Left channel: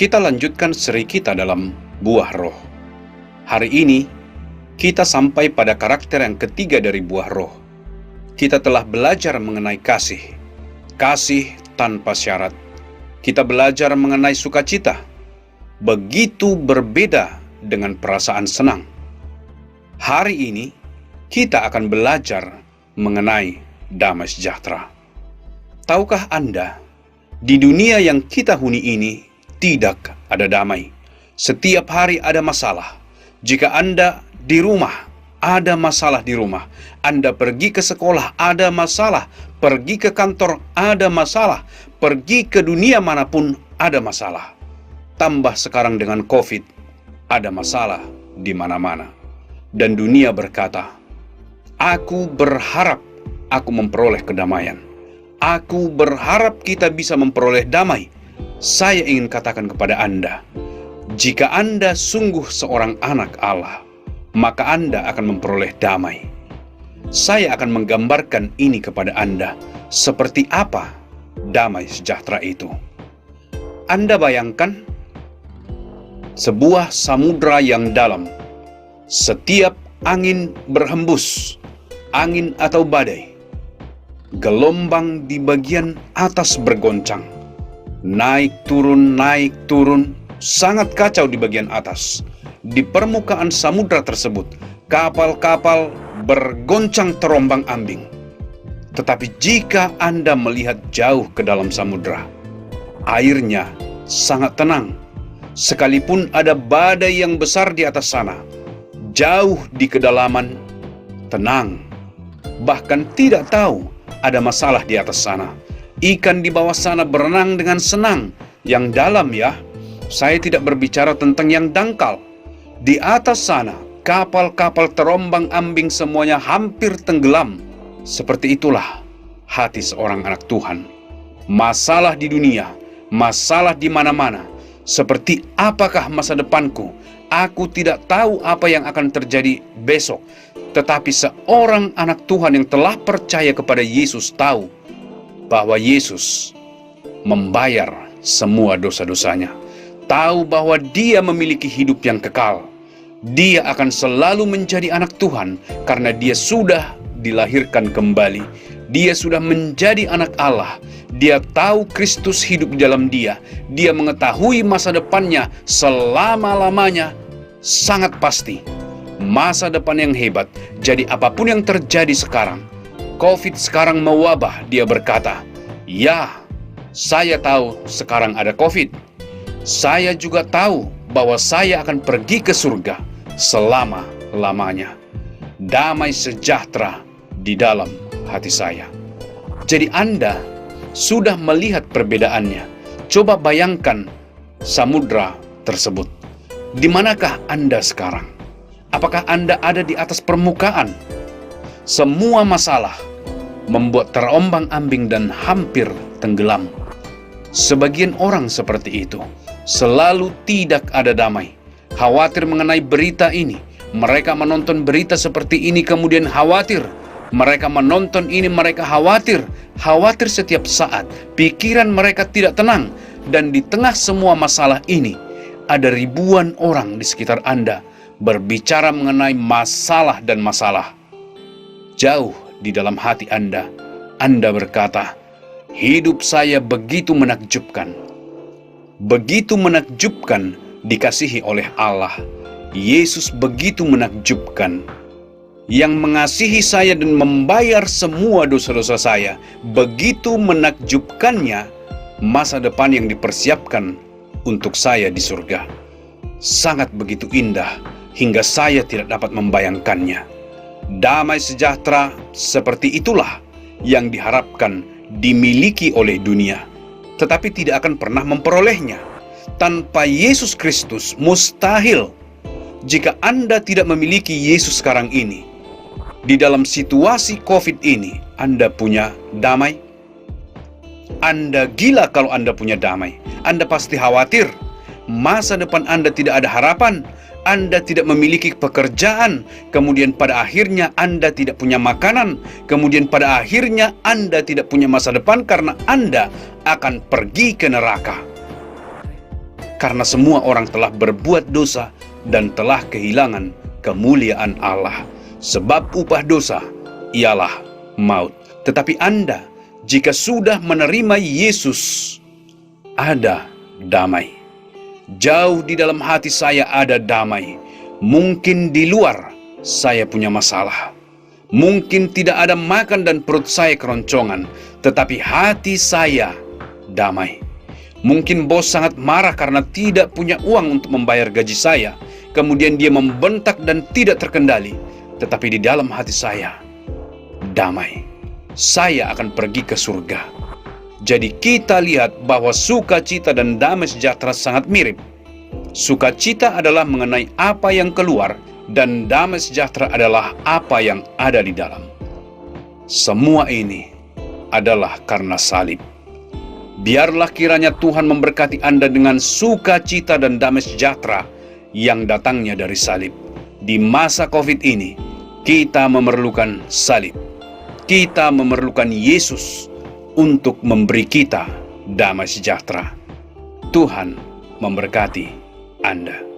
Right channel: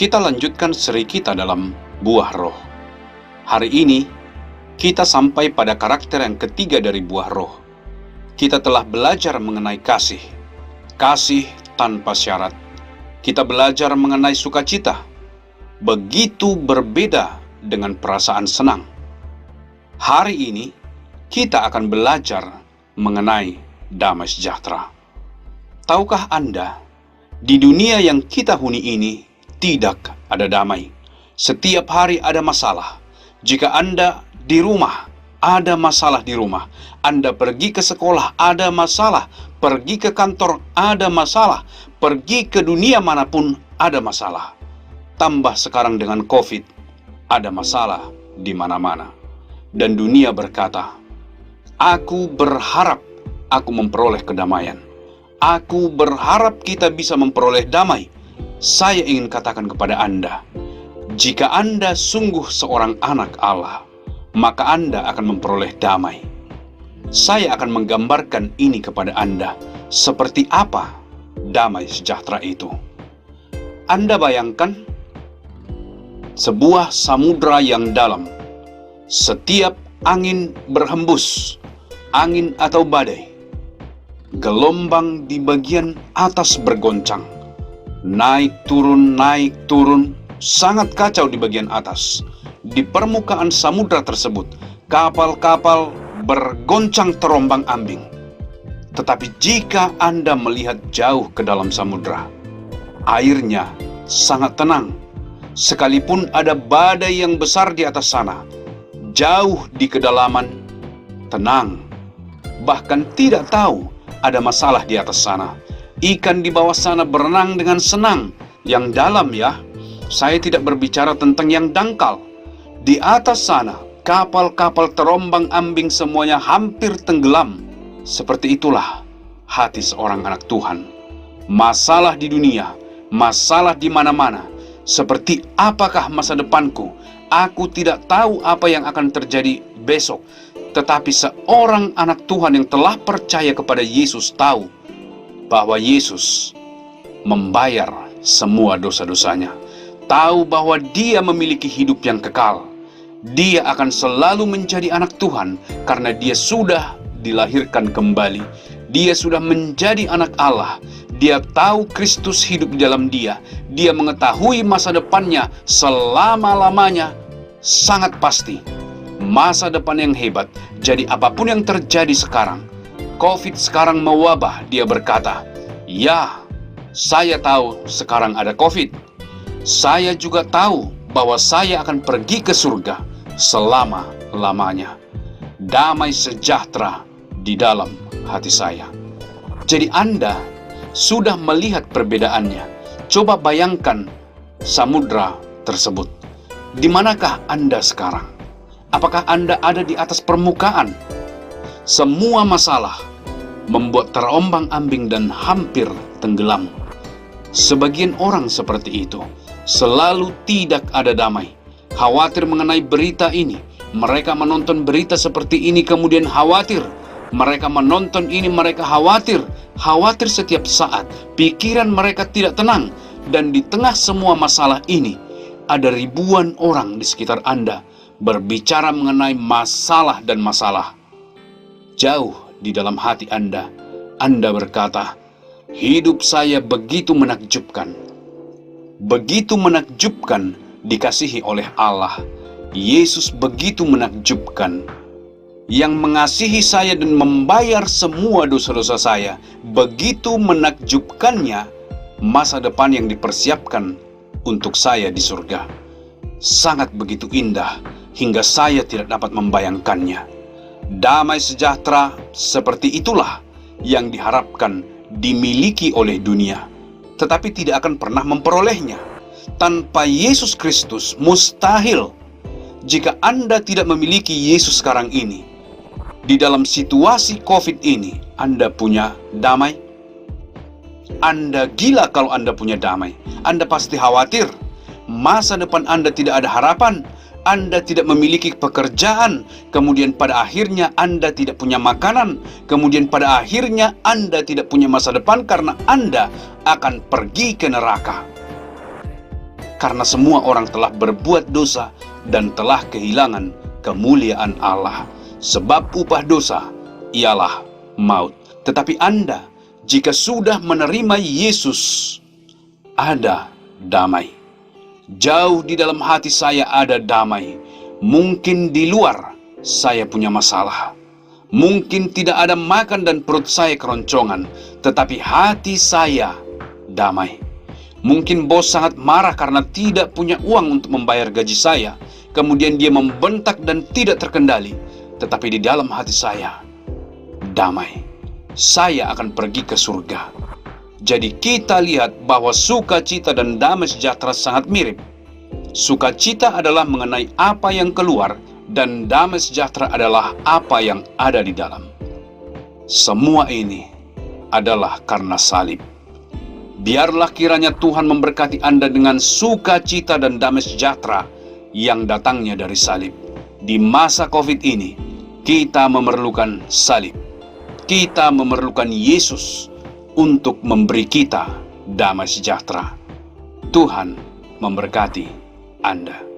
Kita lanjutkan seri kita dalam buah roh. Hari ini, kita sampai pada karakter yang ketiga dari buah roh. Kita telah belajar mengenai kasih. Kasih tanpa syarat. Kita belajar mengenai sukacita. Begitu berbeda dengan perasaan senang. Hari ini, kita akan belajar mengenai damai sejahtera. Tahukah Anda, di dunia yang kita huni ini, tidak ada damai. Setiap hari ada masalah. Jika Anda di rumah, ada masalah di rumah. Anda pergi ke sekolah, ada masalah. Pergi ke kantor, ada masalah. Pergi ke dunia manapun, ada masalah. Tambah sekarang dengan COVID, ada masalah di mana-mana. Dan dunia berkata, aku berharap aku memperoleh kedamaian. Aku berharap kita bisa memperoleh damai. Saya ingin katakan kepada Anda, jika Anda sungguh seorang anak Allah, maka Anda akan memperoleh damai. Saya akan menggambarkan ini kepada Anda, seperti apa damai sejahtera itu. Anda bayangkan sebuah samudra yang dalam. Setiap angin berhembus, angin atau badai, gelombang di bagian atas bergoncang. Naik turun, sangat kacau di bagian atas. Di permukaan samudra tersebut, kapal-kapal bergoncang terombang-ambing. Tetapi jika Anda melihat jauh ke dalam samudra, airnya sangat tenang. Sekalipun ada badai yang besar di atas sana, jauh di kedalaman, tenang. Bahkan tidak tahu ada masalah di atas sana. Ikan di bawah sana berenang dengan senang. Yang dalam ya, saya tidak berbicara tentang yang dangkal. Di atas sana, kapal-kapal terombang-ambing semuanya hampir tenggelam. Seperti itulah hati seorang anak Tuhan. Masalah di dunia, masalah di mana-mana. Seperti apakah masa depanku? Aku tidak tahu apa yang akan terjadi besok. Tetapi seorang anak Tuhan yang telah percaya kepada Yesus tahu bahwa Yesus membayar semua dosa-dosanya. Tahu bahwa Dia memiliki hidup yang kekal. Dia akan selalu menjadi anak Tuhan karena Dia sudah dilahirkan kembali. Dia sudah menjadi anak Allah. Dia tahu Kristus hidup di dalam dia. Dia mengetahui masa depannya selama-lamanya. Sangat pasti masa depan yang hebat. Jadi apapun yang terjadi sekarang, COVID sekarang mewabah, dia berkata, ya, saya tahu sekarang ada COVID. Saya juga tahu bahwa saya akan pergi ke surga selama-lamanya. Damai sejahtera di dalam hati saya. Jadi Anda sudah melihat perbedaannya. Coba bayangkan samudra tersebut. Di manakah Anda sekarang? Apakah Anda ada di atas permukaan? Semua masalah membuat terombang-ambing dan hampir tenggelam. Sebagian orang seperti itu, selalu tidak ada damai. Khawatir mengenai berita ini. Mereka menonton berita seperti ini kemudian khawatir. Mereka menonton ini, mereka khawatir. Khawatir setiap saat. Pikiran mereka tidak tenang. Dan di tengah semua masalah ini, ada ribuan orang di sekitar Anda berbicara mengenai masalah dan masalah. Jauh di dalam hati Anda berkata, hidup saya begitu menakjubkan. Begitu menakjubkan dikasihi oleh Allah. Yesus begitu menakjubkan. Yang mengasihi saya dan membayar semua dosa-dosa saya. Begitu menakjubkannya masa depan yang dipersiapkan untuk saya di surga. Sangat begitu indah hingga saya tidak dapat membayangkannya. Damai sejahtera seperti itulah yang diharapkan dimiliki oleh dunia, tetapi tidak akan pernah memperolehnya. Tanpa Yesus Kristus mustahil. Jika Anda tidak memiliki Yesus sekarang ini, di dalam situasi COVID ini, Anda punya damai? Anda gila kalau Anda punya damai. Anda pasti khawatir. Masa depan Anda tidak ada harapan. Anda tidak memiliki pekerjaan, kemudian pada akhirnya Anda tidak punya makanan, kemudian pada akhirnya Anda tidak punya masa depan karena Anda akan pergi ke neraka. karena semua orang telah berbuat dosa dan telah kehilangan kemuliaan Allah. Sebab upah dosa ialah maut. Tetapi Anda, jika sudah menerima Yesus, ada damai. Jauh di dalam hati saya ada damai. Mungkin di luar saya punya masalah. Mungkin tidak ada makan dan perut saya keroncongan, tetapi hati saya damai. Mungkin bos sangat marah karena tidak punya uang untuk membayar gaji saya. Kemudian dia membentak dan tidak terkendali. Tetapi di dalam hati saya damai. Saya akan pergi ke surga. Jadi kita lihat bahwa sukacita dan damai sejahtera sangat mirip. Sukacita adalah mengenai apa yang keluar, dan damai sejahtera adalah apa yang ada di dalam. Semua ini adalah karena salib. Biarlah kiranya Tuhan memberkati Anda dengan sukacita dan damai sejahtera yang datangnya dari salib. Di masa COVID ini, kita memerlukan salib. Kita memerlukan Yesus untuk memberi kita damai sejahtera. Tuhan memberkati Anda.